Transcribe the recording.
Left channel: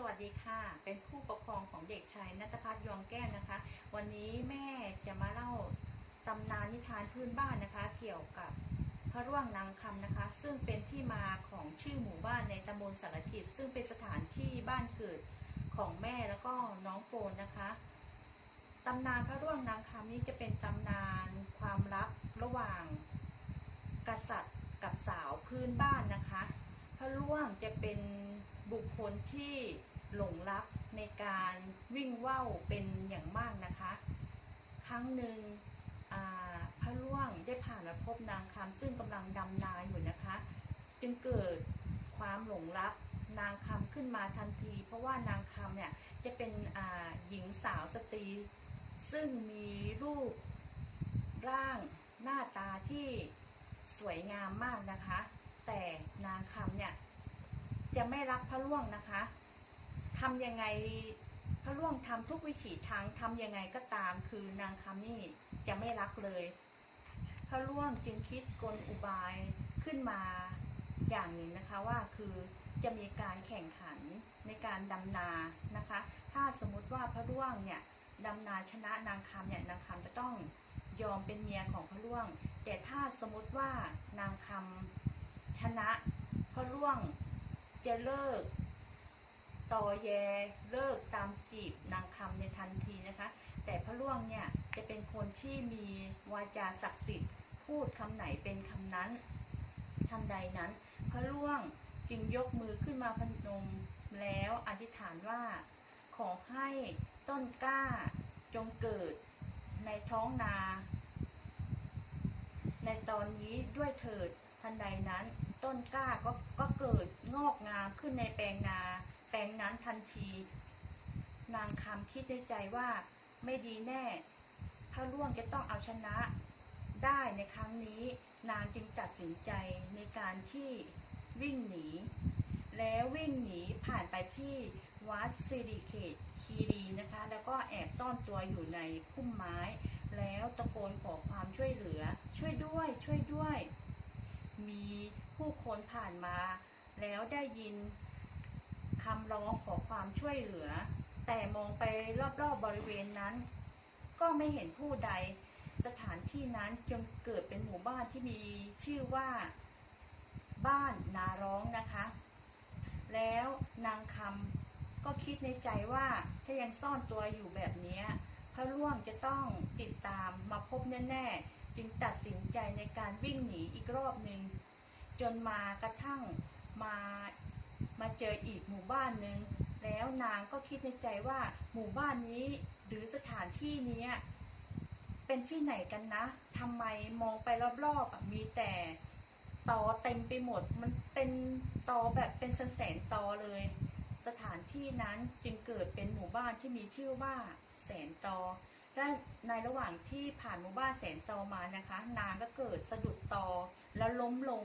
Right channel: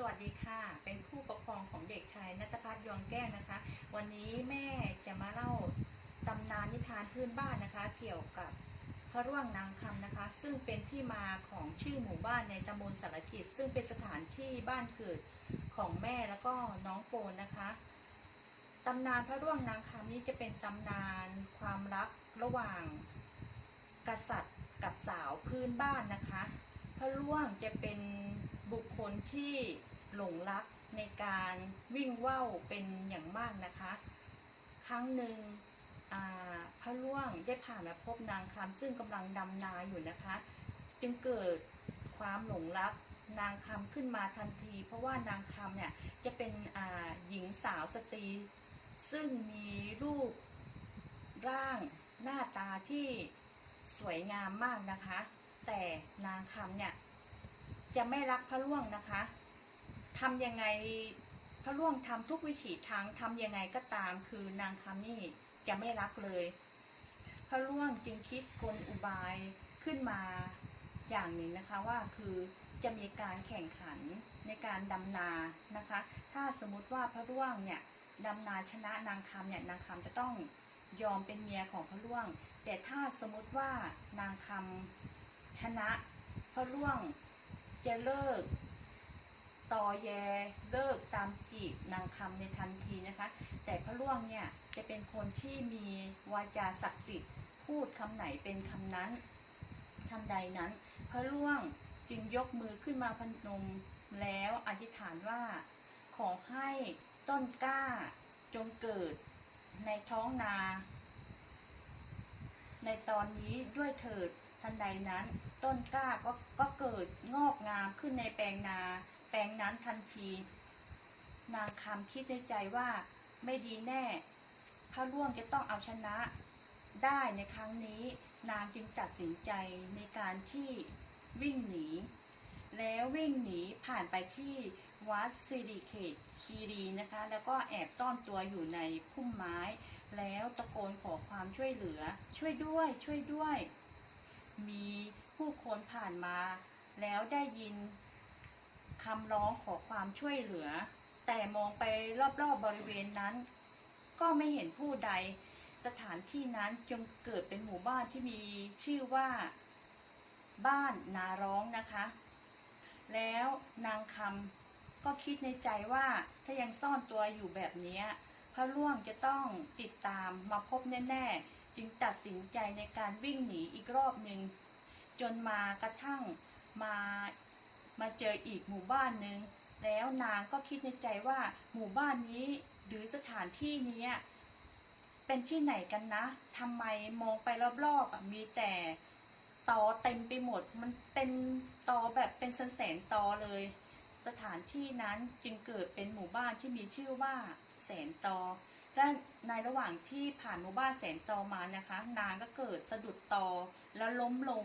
สวัสดีค่ะ เป็นผู้ปกครองของเด็กชายนัทพัฒน์ยองแก้วนะคะ วันนี้แม่จะมาเล่าตำนานนิทานพื้นบ้านนะคะ เกี่ยวกับพระร่วงนางคำนะคะ ซึ่งเป็นที่มาของชื่อหมู่บ้านในตำบลสารกิจ ซึ่งเป็นสถานที่บ้านเกิดของแม่แล้วก็น้องโฟนนะคะตำนานพระร่วงนางคำนี้จะเป็นตำนานความรักระหว่างกษัตริย์กับสาวพื้นบ้านนะคะ พระร่วงจะเป็นบุคคลที่หลงรักในการวิ่งว่าวเป็นอย่างมากนะคะ ครั้งหนึ่งพระร่วงได้ผ่านมาพบนางคำซึ่งกำลังดำนาอยู่นะคะ จึงเกิดความหลงรักนางคำขึ้นมาทันที เพราะว่านางคำเนี่ยจะเป็นหญิงสาวสตรี ซึ่งมีรูปร่างหน้าตาที่สวยงามมากนะคะ แต่นางคำเนี่ย จะไม่รักพระร่วงนะคะทำยังไงพระร่วงทำทุกวิถีทางทำยังไงก็ตาม คือนางคำนี่จะไม่รักเลย พระร่วงจึงคิดกลอุบายขึ้นมาอย่างหนึ่งนะคะว่าคือจะมีการแข่งขันในการดำนานะคะ ถ้าสมมติว่าพระร่วงเนี่ยดำนาชนะนางคำเนี่ยนางคำจะต้องยอมเป็นเมียของพระร่วง แต่ถ้าสมมติว่านางคำ ชนะพระร่วงจะเลิกต่อแยเลิกตามจีบนางคำในทันทีนะคะ แต่พระร่วงเนี่ยจะเป็นคนที่มีวาจาศักดิ์สิทธิ์ พูดคำไหนเป็นคำนั้นทันใดนั้น พระร่วงจึงยกมือขึ้นมาพนมแล้วอธิษฐานว่า ขอให้ต้นกล้าจงเกิดในท้องนา ในตอนนี้ด้วยเถิด นใดนั้น ต้นกล้าก็ก็เกิดงอกงามขึ้นในแปลงนา แปลงนั้นทันที นางคำคิดในใจว่าไม่ดีแน่พระร่วงจะต้องเอาชนะได้ในครั้งนี้ นางจึงตัดสินใจในการที่วิ่งหนี แล้ววิ่งหนีผ่านไปที่วัดสิริเขตคีรีนะคะ แล้วก็แอบซ่อนตัวอยู่ในพุ่มไม้ แล้วตะโกนขอความช่วยเหลือ ช่วยด้วย ช่วยด้วย มีผู้คนผ่านมา แล้วได้ยินคำร้องขอความช่วยเหลือ แต่มองไปรอบๆบบริเวณนั้น ก็ไม่เห็นผู้ใด สถานที่นั้นจึงเกิดเป็นหมู่บ้านที่มีชื่อว่าบ้านนาร้องนะคะ แล้วนางคำก็คิดในใจว่าถ้ายังซ่อนตัวอยู่แบบนี้พระล่วงจะต้องติดตามมาพบแน่ๆ จึงตัดสินใจในการวิ่งหนีอีกรอบหนึ่งจนมากระทั่งมามาเจออีกหมู่บ้านหนึ่งแล้วนางก็คิดในใจว่าหมู่บ้านนี้หรือสถานที่นี้เป็นที่ไหนกันนะทำไมมองไปรอบๆมีแต่ตอเต็มไปหมด มันเป็นตอแบบเป็นแสนตอเลย สถานที่นั้นจึงเกิดเป็นหมู่บ้านที่มีชื่อว่าแสนตอ และในระหว่างที่ผ่านหมู่บ้านแสนจอมานะคะ นางก็เกิดสะดุดตอแล้วล้มลง